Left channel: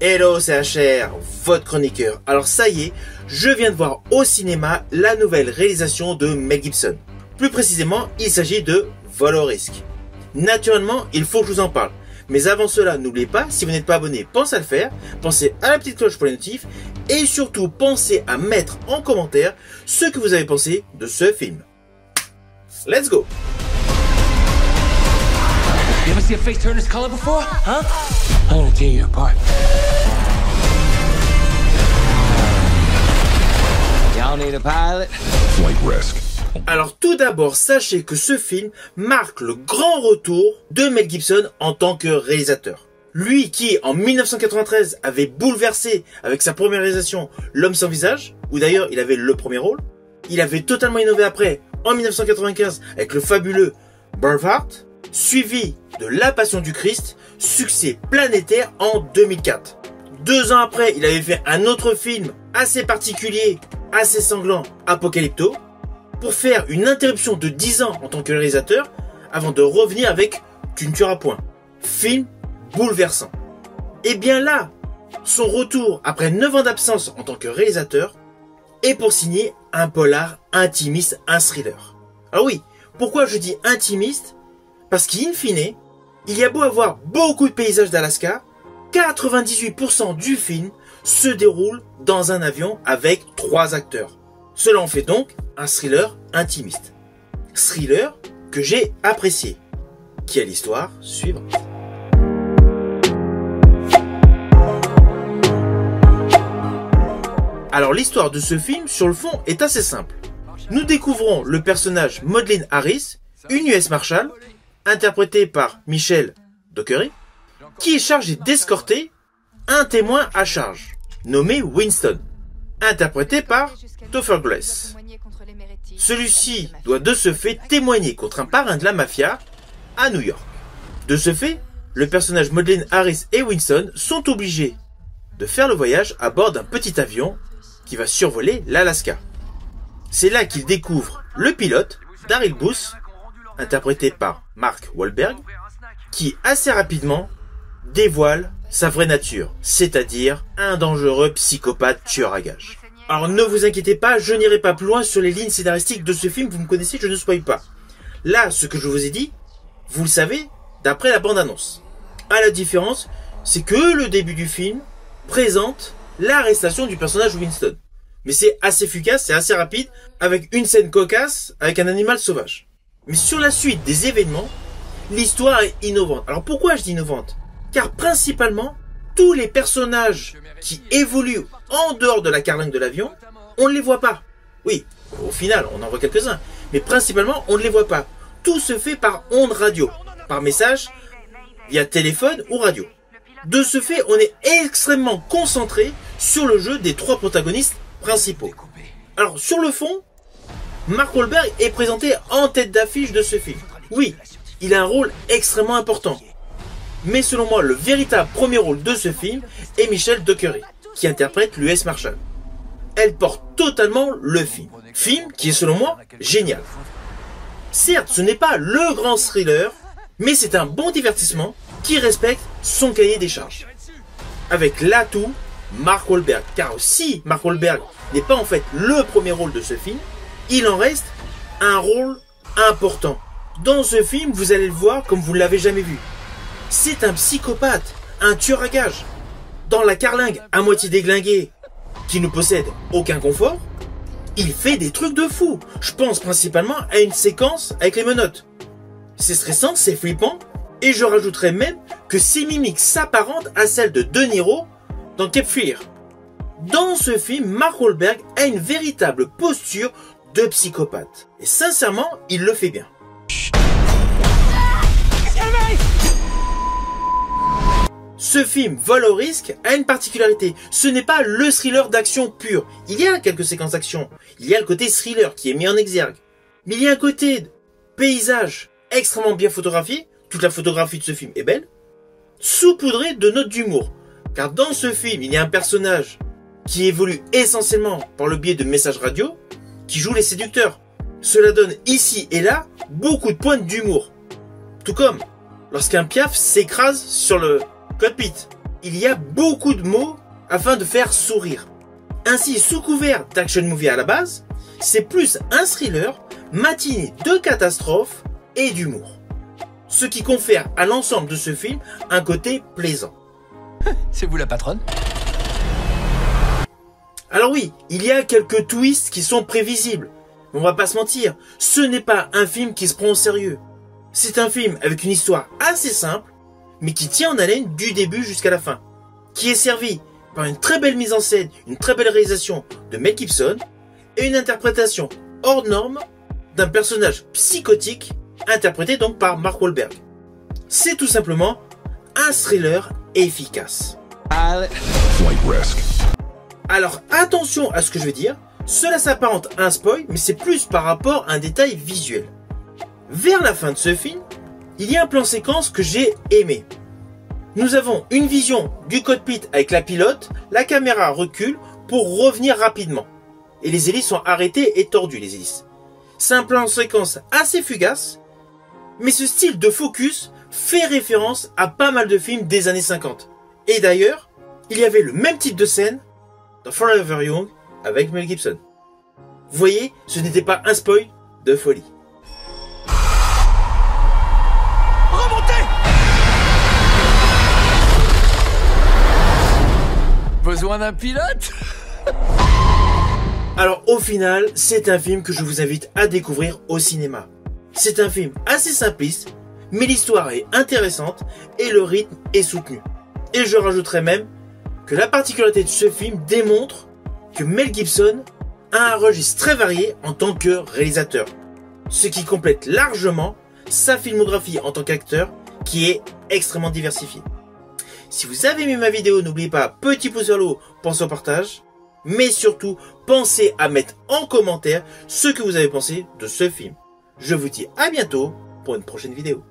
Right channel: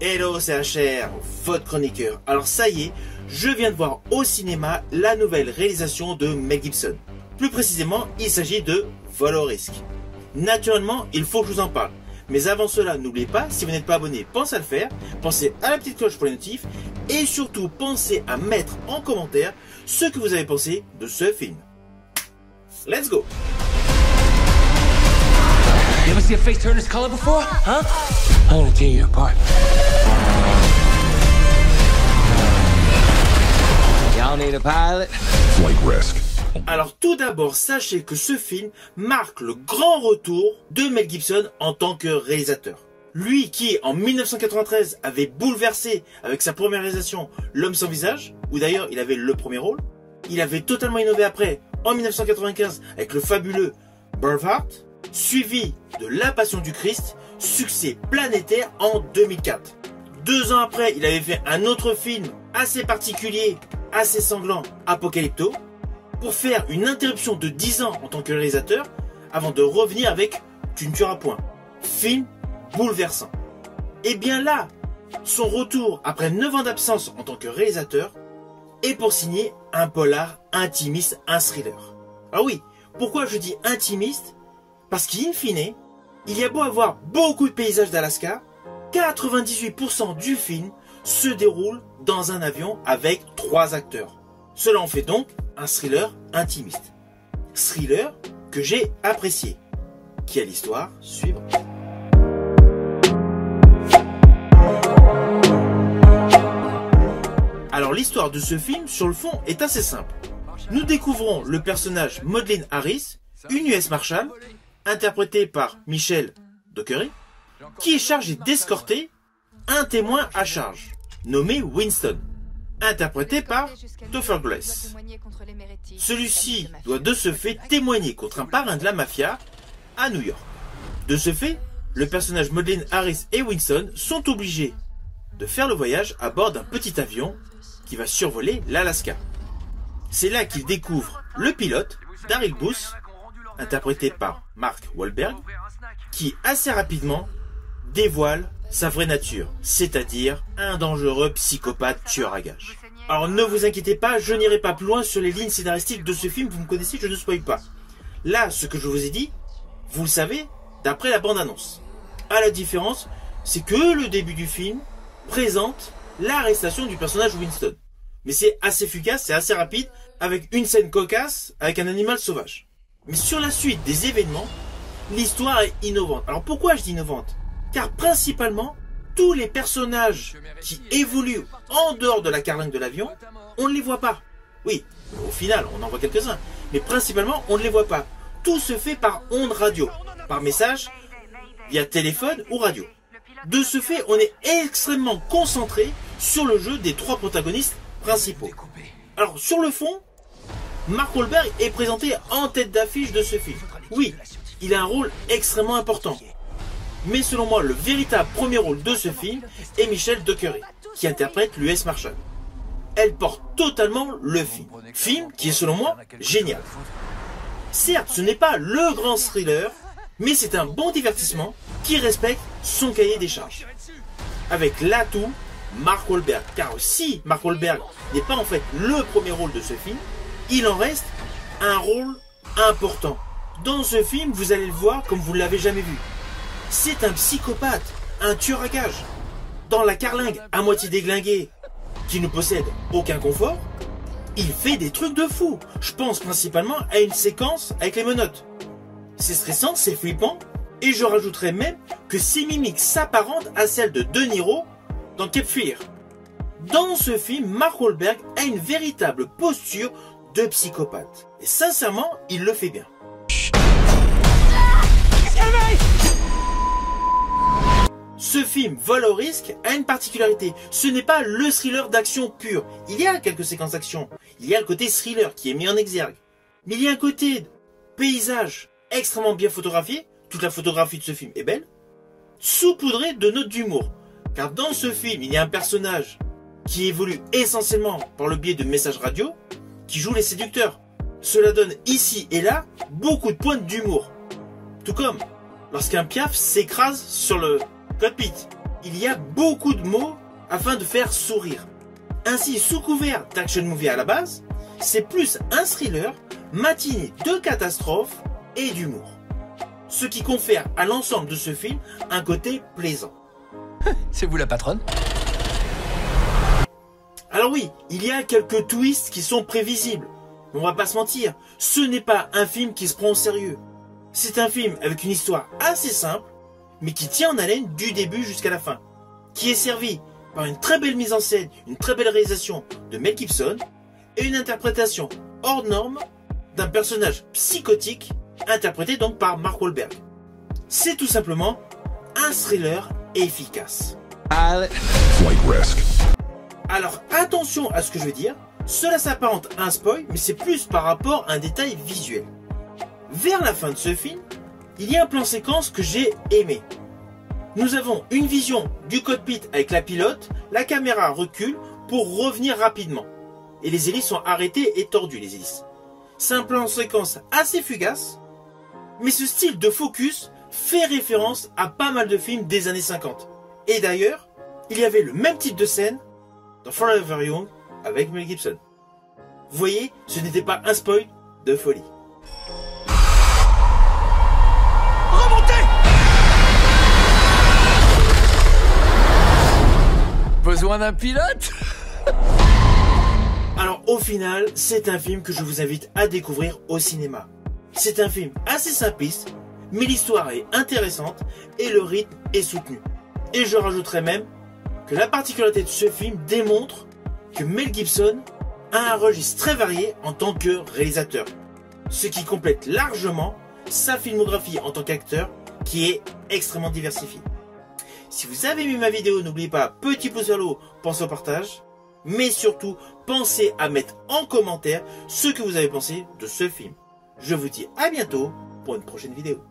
Hello, c'est HR, votre chroniqueur. Alors ça y est, je viens de voir au cinéma la nouvelle réalisation de Mel Gibson. Plus précisément, il s'agit de Vol au risque. Naturellement, il faut que je vous en parle. Mais avant cela, n'oubliez pas, si vous n'êtes pas abonné, pensez à le faire, pensez à la petite cloche pour les notifs, et surtout pensez à mettre en commentaire ce que vous avez pensé de ce film. Let's go! You ever see a face turn this color before? Huh? I'm gonna tear you apart. Y'all need a pilot? Flight risk. Alors tout d'abord, sachez que ce film marque le grand retour de Mel Gibson en tant que réalisateur. Lui qui, en 1993, avait bouleversé avec sa première réalisation L'Homme sans visage, où d'ailleurs il avait le premier rôle. Il avait totalement innové après, en 1995, avec le fabuleux Braveheart, suivi de La Passion du Christ, succès planétaire en 2004. 2 ans après, il avait fait un autre film assez particulier, assez sanglant, Apocalypto, pour faire une interruption de 10 ans en tant que réalisateur, avant de revenir avec Tu ne tueras point. Film bouleversant. Et bien là, son retour après 9 ans d'absence en tant que réalisateur, est pour signer un polar intimiste, un thriller. Alors oui, pourquoi je dis intimiste? Parce qu'in fine, il y a beau avoir beaucoup de paysages d'Alaska, 98% du film se déroule dans un avion avec 3 acteurs. Cela en fait donc un thriller intimiste. Thriller que j'ai apprécié. Qui est l'histoire suivante. Alors l'histoire de ce film, sur le fond, est assez simple. Nous découvrons le personnage Maudlin Harris, une US Marshal, interprétée par Michelle Dockery, qui est chargée d'escorter un témoin à charge, nommé Winston, interprété par Topher Grace. Celui-ci doit de ce fait témoigner contre un parrain de la mafia à New York. De ce fait, le personnage Maudlin Harris et Winston sont obligés de faire le voyage à bord d'un petit avion qui va survoler l'Alaska. C'est là qu'ils découvrent le pilote, Daryl Booth, interprété par Mark Wahlberg, qui assez rapidement dévoile sa vraie nature, c'est-à-dire un dangereux psychopathe tueur à gages. Alors ne vous inquiétez pas, je n'irai pas plus loin sur les lignes scénaristiques de ce film, vous me connaissez, je ne spoil pas. Là, ce que je vous ai dit, vous le savez d'après la bande-annonce. À la différence, c'est que le début du film présente l'arrestation du personnage Winston. Mais c'est assez fugace, c'est assez rapide, avec une scène cocasse, avec un animal sauvage. Mais sur la suite des événements, l'histoire est innovante. Alors pourquoi je dis innovante? Car principalement, tous les personnages qui évoluent en dehors de la carlingue de l'avion, on ne les voit pas. Oui, au final, on en voit quelques-uns. Mais principalement, on ne les voit pas. Tout se fait par ondes radio, par message, via téléphone ou radio. De ce fait, on est extrêmement concentré sur le jeu des 3 protagonistes principaux. Alors, sur le fond, Mark Wahlberg est présenté en tête d'affiche de ce film. Oui, il a un rôle extrêmement important. Mais selon moi, le véritable premier rôle de ce film est Michelle Dockery, qui interprète l'US Marshal. Elle porte totalement le film. Film qui est selon moi génial. Certes, ce n'est pas le grand thriller, mais c'est un bon divertissement qui respecte son cahier des charges. Avec l'atout Mark Wahlberg. Car si Mark Wahlberg n'est pas en fait le premier rôle de ce film, il en reste un rôle important. Dans ce film, vous allez le voir comme vous ne l'avez jamais vu. C'est un psychopathe, un tueur à gages. Dans la carlingue à moitié déglinguée, qui ne possède aucun confort, il fait des trucs de fou. Je pense principalement à une séquence avec les menottes. C'est stressant, c'est flippant, et je rajouterais même que ses mimiques s'apparentent à celles de De Niro dans Cape Fear. Dans ce film, Mark Wahlberg a une véritable posture de psychopathe. Et sincèrement, il le fait bien. Ce film, Vol au risque, a une particularité. Ce n'est pas le thriller d'action pur. Il y a quelques séquences d'action. Il y a le côté thriller qui est mis en exergue. Mais il y a un côté paysage extrêmement bien photographié. Toute la photographie de ce film est belle. Saupoudré de notes d'humour. Car dans ce film, il y a un personnage qui évolue essentiellement par le biais de messages radio, qui joue les séducteurs. Cela donne ici et là beaucoup de pointes d'humour. Tout comme lorsqu'un piaf s'écrase sur le cockpit. il y a beaucoup de mots afin de faire sourire. Ainsi, sous couvert d'action movie à la base, c'est plus un thriller matiné de catastrophes et d'humour. Ce qui confère à l'ensemble de ce film un côté plaisant. C'est vous la patronne? Alors oui, il y a quelques twists qui sont prévisibles. On va pas se mentir, ce n'est pas un film qui se prend au sérieux. C'est un film avec une histoire assez simple, mais qui tient en haleine du début jusqu'à la fin. Qui est servi par une très belle mise en scène, une très belle réalisation de Mel Gibson et une interprétation hors norme d'un personnage psychotique interprété donc par Mark Wahlberg. C'est tout simplement un thriller efficace. Flight risk. Alors attention à ce que je vais dire, cela s'apparente à un spoil, mais c'est plus par rapport à un détail visuel. Vers la fin de ce film, il y a un plan séquence que j'ai aimé. Nous avons une vision du cockpit avec la pilote, la caméra recule pour revenir rapidement. Et les hélices sont arrêtées et tordues, les hélices. C'est un plan séquence assez fugace, mais ce style de focus fait référence à pas mal de films des années 50. Et d'ailleurs, il y avait le même type de scène dans Forever Young avec Mel Gibson. Vous voyez, ce n'était pas un spoil de folie. Remontez! Besoin d'un pilote? Alors au final, c'est un film que je vous invite à découvrir au cinéma. C'est un film assez simpliste, mais l'histoire est intéressante et le rythme est soutenu. Et je rajouterais même que la particularité de ce film démontre que Mel Gibson a un registre très varié en tant que réalisateur, ce qui complète largement sa filmographie en tant qu'acteur qui est extrêmement diversifiée. Si vous avez aimé ma vidéo, n'oubliez pas, petit pouce vers le haut, pensez au partage, mais surtout, pensez à mettre en commentaire ce que vous avez pensé de ce film. Je vous dis à bientôt pour une prochaine vidéo.